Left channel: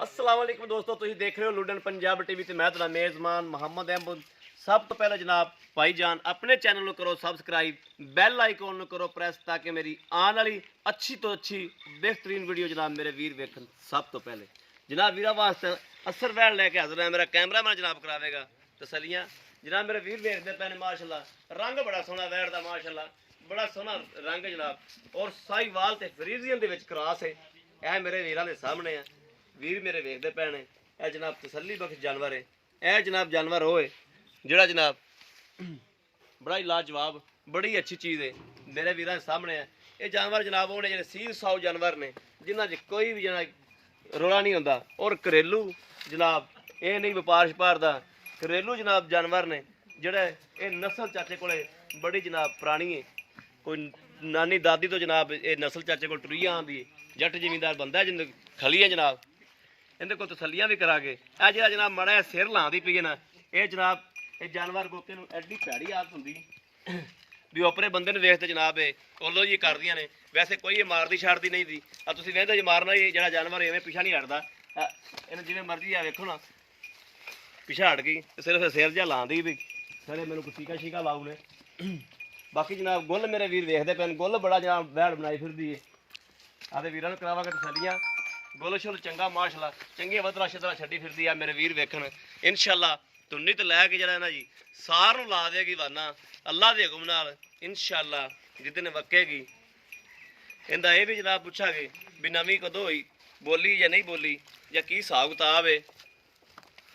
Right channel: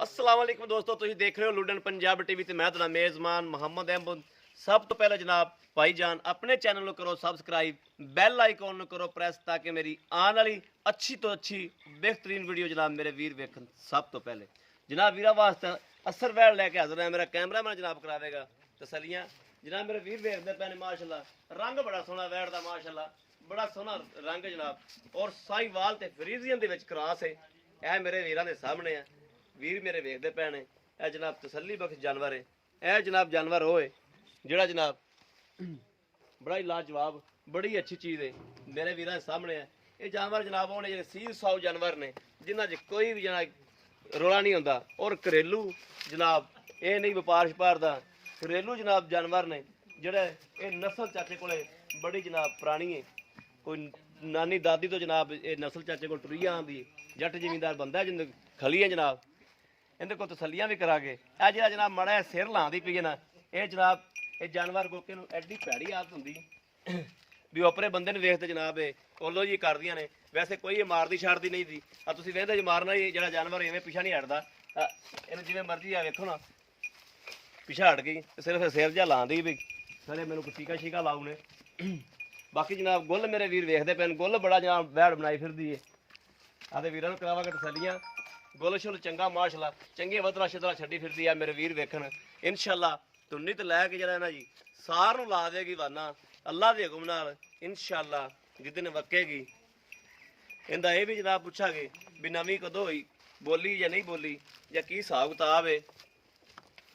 अस्सलाम वालेकुम दोस्तों, तुम देख रहे हो लुडन पंजाब टीवी ते मैं तुहाडा मेज़बान मोहम्मद अहमद। सब तो पहले जनाब भाईजान अपने चैनल को करो सबसक्राइब, बैल आइकॉन करो प्रेस ताकि मेरी आने वाली अच्छी तो अच्छी बेहतरीन वीडियो जनाब मेरे वीर वेखन। सब तो पहले जनाब वीरा वास्ते असर वैड़ लैके हाजिर है, मेरा कैमरामैन जनाब करावेगा तसलियां। जनाब मेरे वीर वेखते पे माशाल्लाह, रंग बड़ा सोहना वैड़ दा माशाल्लाह, बड़ा सोहना रंग जनाब, और साहिवाल ते फ्रीजियन दे विच क्रॉस है। यह मेरे वीरां दे सामने है, वीर मेरे वेखते पे ने। यह जनाब तसली बख्श जानवर है। यह जनाब जानवर होए जिहड़ा जनाब बड़ा ही लाजवाब, बड़ी अच्छी चीज़ है मेरे वीरां दे सामने है। ये जानवर जनाब वो ने जेह्ड़े सील साऊ जानवर ने जिन्हां च कोई भी जनाब रोला नहीं होंदा, और घरेलू जनाब ये नहीं व्यापार शपार दा, घरेलू जनाब जानवर ने जेह्ड़े ये नस्ल चाचे कोले बड़ी जनाब पुरानी है। कोई नानी दादी तो जनाब ये नस्ल चाचे को टुरी आंदी है। जट जिमींदार बंदा है जिंद खली है जनाब, इहदे कोल तसल्लियां भी करांगे। यह जिहड़ा जनाब माड़ा जिहा सिर लांदी पई है ना, ये जनाब ये जानवर गोके नूं एड्डी भैड़ी आदत हुंदी भी अपने बंदे नूं वेखते जनाब ये ओलो जी करदियां ने। वैसे कोई ये मारदी छाड़दी नहीं दी। तुसीं वेंदे जे मारना ही जिहड़ा जानवर इवें पिछा नहीं हटदा, इहनूं जिवें मर्जी आ वेखो ना पिछा हट गई, सिर्फ सिर जिहा लांदी भी सारे मैनूं कोई टीका शीका लाऊ ने। बाकी जनाब गुल मेरे वीर वेखदे पैन, गुल बड़ा जनाब वैड़ बनाई फिरदी है। आदे वीरां नूं करावांगे तसल्लियां। गुल शुल चंगा माशाल्लाह, चंगी वधरा शधरा छड्डी फिरदी है मेरे वीर वेखण। इंशाअल्लाह तुन्नी तो लैके जरा ना जी सार नूं ला देगी वाना अल्लाह दे हुक्म नाल इंशाअल्लाह जिद्दन वक्केगी। इंदा ये भी जनाब पुछांगे भी नवीं कदों होई, बोली या नहीं बोली, या की हिसाब किताब है।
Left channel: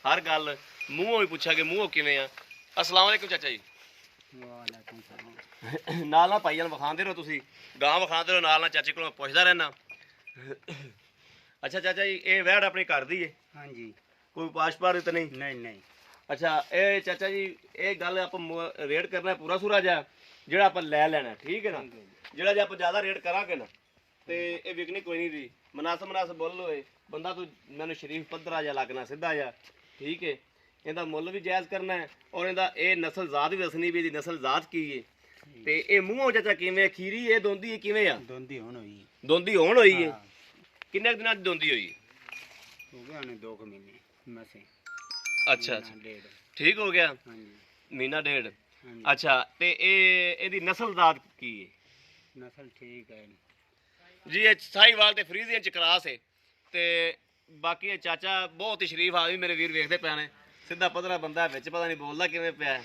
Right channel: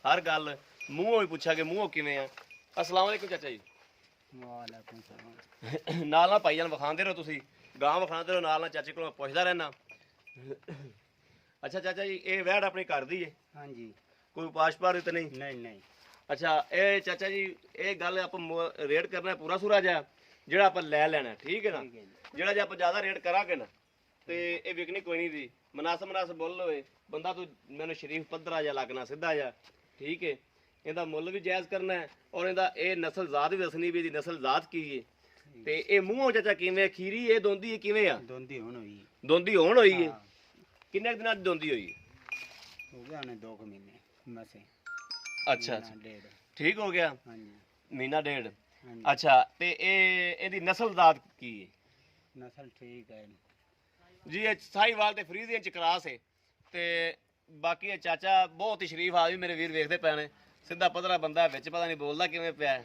हर गल मूँहों ही पुछांगे मूँहों किवें आ। अस्सलाम वालेकुम चाचा जी। नाल ना भाईजान विखांदे रहो, तुसीं गां विखांदे रहो, नाल ना चाचे कोलों पुछदा रहना। अच्छा चाचा जी ये वैड़ अपनी घर दी है? हाँ जी। कोई पाशपार तो नहीं? नहीं नहीं। अच्छा ये चाचा जी ये गल आप रेट करना है पूरा सूरा जा ਜਿਹੜਾ ਆਪਾਂ ਲੈ ਲੈਣਾ, ਠੀਕ ਹੈ ਨਾ? ਜਿਹੜਾ ਜੇ ਆਪਾਂ ਜ਼ਿਆਦਾ ਰੇਟ ਕਰਾਂਗੇ ਨਾ ਤੇ ਇਹ ਵਿਕਣੀ ਕੋਈ ਨਹੀਂ ਦੀ। ਮਨਾਸਬ ਬੋਲ ਹੋਏ ਬੰਦਾ ਤੂੰ ਮੈਨੂੰ ਸ਼ਰੀਫ ਪੱਧਰਾ ਜਿਹਾ ਲੱਗਣਾ ਸਿੱਧਾ ਜਿਹਾ, ਠੀਕ ਹੈ? ਇਹਦਾ ਮੁੱਲ ਵੀ ਜਾਇਜ਼ ਕਰਨਾ ਹੈ, ਔਰ ਇਹਦਾ ਇਹ ਨਸਲ ਜ਼ਾਤ ਵੀ ਦੱਸਣੀ ਵੀ ਇਹਦੀ ਨਸਲ ਜ਼ਾਤ ਕੀ ਹੈ। ਤੇ ਇਹ ਮੂੰਹੋਂ ਚਾਚਾ ਕਿਵੇਂ ਖੀਰੀ ਇਹ ਦੋਂਦੀ ਹੈ ਕਿਵੇਂ ਆ? ਦੋਂਦੀ ਹੁਣ ਹੋਈ। ਦੋਂਦੀ ਹੋਣ ਹੋਈ ਹੈ? ਕਿੰਨੇ ਦਿਨਾਂ ਦੀ ਦੋਂਦੀ ਹੋਈ? ਹੋ ਗਿਆ ਨੇ 2 ਮਹੀਨੇ ਮਸੇ। ਅੱਛਾ ਅੱਛਾ ਠੀਕ ਹੋ ਗਿਆ, ਮਹੀਨਾ ਡੇਢ। अच्छा ते ਇਹਦੀ ਨਸਲ ਜ਼ਾਤ ਕੀ ਹੈ? ਨਸਲ ਠੀਕ ਹੈ ਜੀ, ਇਹ ਸਾਹੀਵਾਲ ਤੇ ਫਰੀਜ਼ੀਅਨ ਚ ਕਰਾਸ ਹੈ। ਤੇ ਬਾਕੀ ਇਹ ਚਾਚਾ ਬਹੁਤ ਹੀ ਸ਼ਰੀਫ ਆ ਵੀ ਮੇਰੇ ਵੀਰ ਵੇਖਦੇ ਪਏ ਨੇ, ਸਿੱਧਾ ਪਤਲਾ ਬੰਦਾ ਵਿੱਚ ਪਤਾ ਨਹੀਂ ਬੋਲਦਾ ਕਿਵੇਂ ਪਿਆ।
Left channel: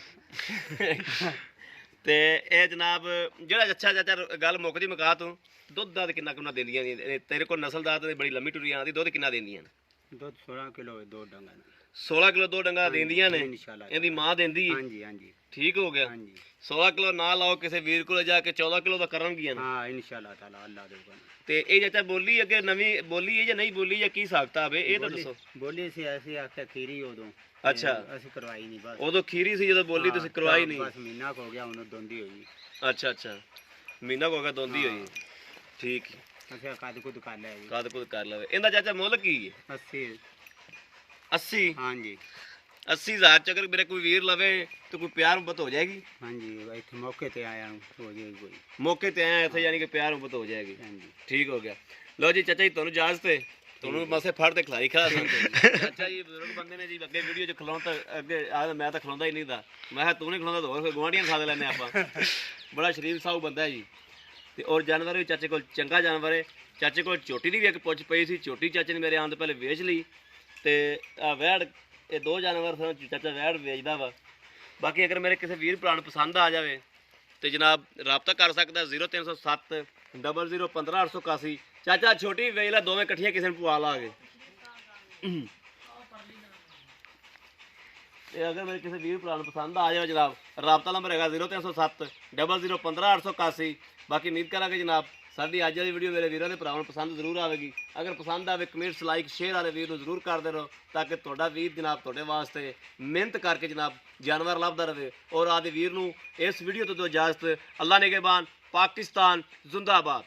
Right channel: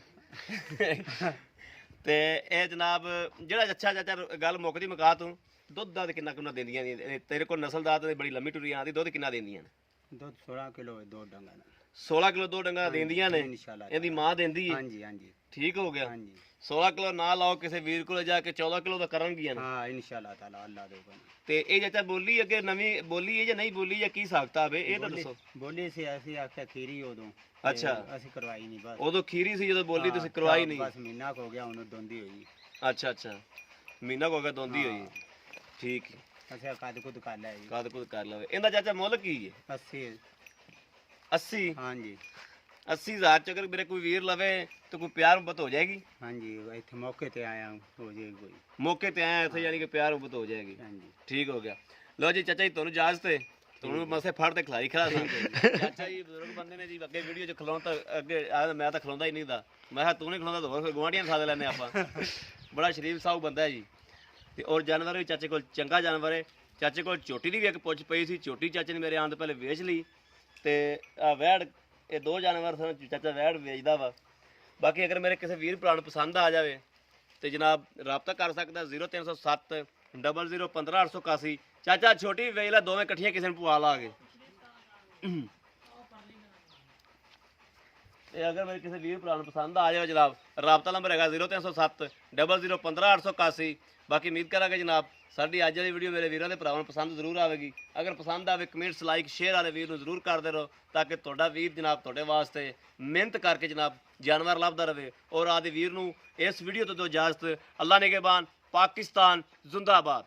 ਤੇ ਇਹ ਜਨਾਬ ਜਿਹੜਾ ਅੱਛਾ ਚਾਚਾ ਗੱਲ ਮੁੱਕਦੀ ਮੁਕਾ ਤੂੰ ਦੁੱਧ ਦਾ ਕਿੰਨਾ ਕਿੰਨਾ ਦਿੰਦੀਆਂ ਨੇ ਤੇਰੇ ਕੋਲ? ਨਸਲ ਜ਼ਾਤ ਤੇ ਬੜੀ ਲੰਮੀ ਟੁਰੀ ਆਂਦੀ, ਦੁੱਧ ਕਿੰਨਾ ਦਿੰਦੀਆਂ ਨੇ? ਦੁੱਧ 16 ਕਿਲੋ 2 ਡੰਗਾ। 16 ਕਿਲੋ 2 ਡੰਗਾ ਦਿੰਦੀਆਂ ਨੇ? ਇਹਦੀ ਮਾਂ ਦਿੰਦੀ ਹੈ? ਹਾਂਜੀ ਹਾਂਜੀ ਠੀਕ ਹੋ ਗਿਆ। 16 ਕਿਲੋ ਨਾ ਲਾਓ ਕਿਸੇ ਵੀਰ ਕੋਲ ਜਾ ਕੇ 14 ਕਿਲੋ ਦਾ ਕਰਨਗੀਆਂ ਨਾ? ਹਾਂ ਇਨਸ਼ਾਅੱਲਾ ਤਾਲਾ ਅੱਲਾ ਦੇ ਹੁਕਮ। ਤੇ ਇਹ ਚਾਚਾ ਬੋਲੀ ਅੱਗੇ ਨਵੀਂ ਬੋਲੀ ਹੈ ਜਾਂ ਨਹੀਂ ਬੋਲੀ, ਜਾਂ ਕੀ ਸਕਤਾ ਵੇ ਇਹ ਤਾਂ ਦੱਸੋ। ਬੋਲੀ ਸੀ ਐਸੀ ਆਖਿਆ ਖੀਰੀ ਉਦੋਂ। ਅੱਛਾ ਅਸੀਂ ਕਰਵਾਈ ਨਹੀਂ ਬਸ। ਉਦੋਂ ਖੀਰੀ ਸੀ ਜਦੋਂ ਬੋਲੀ ਤੁਸੀਂ ਕਰਵਾਈ ਨਹੀਂ? ਬਸ ਮਹੀਨਾ ਹੋ ਗਿਆ ਉਹਨੂੰ ਦੋਂਦੀ ਹੋਈ। ਅੱਛਾ ਅੱਛਾ ਮਹੀਨਾ ਹੋ ਗਿਆ ਦੋਂਦੀ ਹੋਈ, ਠੀਕ ਹੈ। ਅੱਛਾ ਕੱਦ ਕੁਦ ਕਰ ਲੈ ਜੀ। ਕੱਦ ਕੁਦ ਕਰ ਲਵੇ। ਇਹਦਾ ਚਾਚਾ ਮੁੱਲ ਕੀ ਹੈ? 80। 80? ਹਾਂਜੀ 80,000 ਚ ਅਗਰ ਮੇਰੇ ਕੋਈ ਵੀਰ ਲਵੇ ਤਾਂ ਕੋਈ ਪਿਆਰ ਮੁਹੱਬਤ ਹੋ ਜਾਏਗੀ? ਹਾਂਜੀ ਇੱਥੇ ਮੌਕੇ ਤੇ ਆਇਆ ਹੋ ਜਾਏਗੀ ਕੋਈ। ਮੌਕੇ ਤੇ ਆਇਆ ਇੱਥੇ ਯਾਨੀ ਕਿ ਪਿਆਰ ਮੁਹੱਬਤ ਹੋ ਜਾਏਗੀ। ਹਾਂਜੀ ਠੀਕ ਹੋ ਗਿਆ। ਲਓ ਜੀ ਚਾਚਾ ਜੀ ਤੁਹਾਨੂੰ ਇਜਾਜ਼ਤ ਹੈ, ਤੁਹਾਨੂੰ ਮਸੇ ਫੜ ਤੇ ਖਿਲਾਈ ਖਾ ਰਹੀ। ਅੱਛਾ ਜੀ ਬਜ਼ੁਰਗ ਬੰਦੇ ਨੇ ਜੀ ਅੱਗੇ ਵੀਡੀਓ 'ਚ ਖਿਲਾਉਣ ਤਾਂ ਅੱਗੇ ਮੈਂ ਤਾਂ ਖਿਲਾਉਂਦਾ ਹੀ ਨਹੀਂ ਦਾ, ਮੈਂ ਕਿਹਾ ਤੂੰ ਨਹੀਂ ਖਿਲਾਉਂਦਾ ਤਾਂ ਹੋਰ ਗੁਆਂਢੀਆਂ ਖਾ ਲੈਂਦੇ ਆਪਾਂ। ਬੜਾ ਸ਼ਰੀਫ ਸਾਊ ਬੰਦਾ ਹੈ ਜੀ। ਤੇ ਔਰ ਜਾਨਵਰ ਵੀ ਚਾਚੇ ਕੋਲ ਚੰਗਾ ਜਾਨਵਰ ਹੈ। ਚਾਚੇ ਕੋਲ ਝੋਟੀ ਦੀ ਵੀ ਇੱਕ ਪੁੱਛ ਪਈ ਸੀ, ਝੋਟੀ ਚਾਚੇ ਨੇ ਮੇਰੇ ਆਉਣ ਤੋਂ ਪਹਿਲੇ ਵੇਚ ਲਈ। ਤੇ ਆ ਵੈੜ ਇਹ 2 ਜਾਨਵਰ ਸਨ, ਚਾਚਾ ਵੈੜ ਵੇਚਦਾ ਵਾ। ਬਾਕੀ ਅਗਰ ਮੇਰੇ ਕਿਸੇ ਵੀਰ ਭਰਾ ਨੂੰ ਪਸੰਦ ਆ ਜਾਵੇ ਤੇ ਜਨਾਬ ਰਾਬਤਾ ਕਰ ਸਕਦਾ 0307 00 15 881। ਚਾਚਾ ਛੋਟੀ ਵੀ ਵੇਚ ਲੈ, ਦੋਵੇਂ ਇਕੱਠੀਆਂ ਕਿਸੇ ਨੂੰ ਪਵਾ ਲਾਂਗੇ। ਇਹ ਅਗਰ ਮੇਰੇ ਕਿਸੇ ਵੀਰ ਭਰਾ ਨੂੰ ਪਸੰਦ ਆ ਜਾਵੇ ਜਨਾਬ, ਰਾਬਤਾ ਨੰਬਰ ਹੈਗਾ 0307 00 15 881। ਬਾਕੀ ਉਮੀਦ ਕਰਾਂਗੇ ਜਨਾਬ ਸਾਡੀ ਅੱਜ ਵਾਲੀ ਵੀਡੀਓ ਮੇਰੇ ਵੀਰਾਂ ਦੇ ਭਰਾਵਾਂ ਨੂੰ ਪਸੰਦ ਜ਼ਰੂਰ ਆਵੇਗੀ। ਅਗਰ ਪਸੰਦ ਆਵੇ ਕਮੈਂਟਸ ਲਾਈਕ ਸ਼ੇਅਰ ਵਾਲੇ ਵੀਰ ਨੂੰ ਜ਼ਰੂਰ ਕਰਦੇ ਰਹੋ, ਤਾਂ ਕਿ ਤੁਹਾਡਾ ਵੀਰ ਜਨਾਬ ਤੁਹਾਡੇ ਵਾਸਤੇ ਮਿਹਨਤ ਕਰਕੇ ਜਨਾਬ ਜਾਨਵਰ ਲੱਭਦਾ ਰਹੇ। ਔਰ ਆਦੇ ਵੀਰ ਨੂੰ ਇਸ ਵੀਡੀਓ ਤੋਂ ਦਿਓ ਇਜਾਜ਼ਤ। ਅੱਲਾ ਨਿਗਹਿਬਾਨ। ਪਾਕਿਸਤਾਨ ਜ਼ਿੰਦਾਬਾਦ।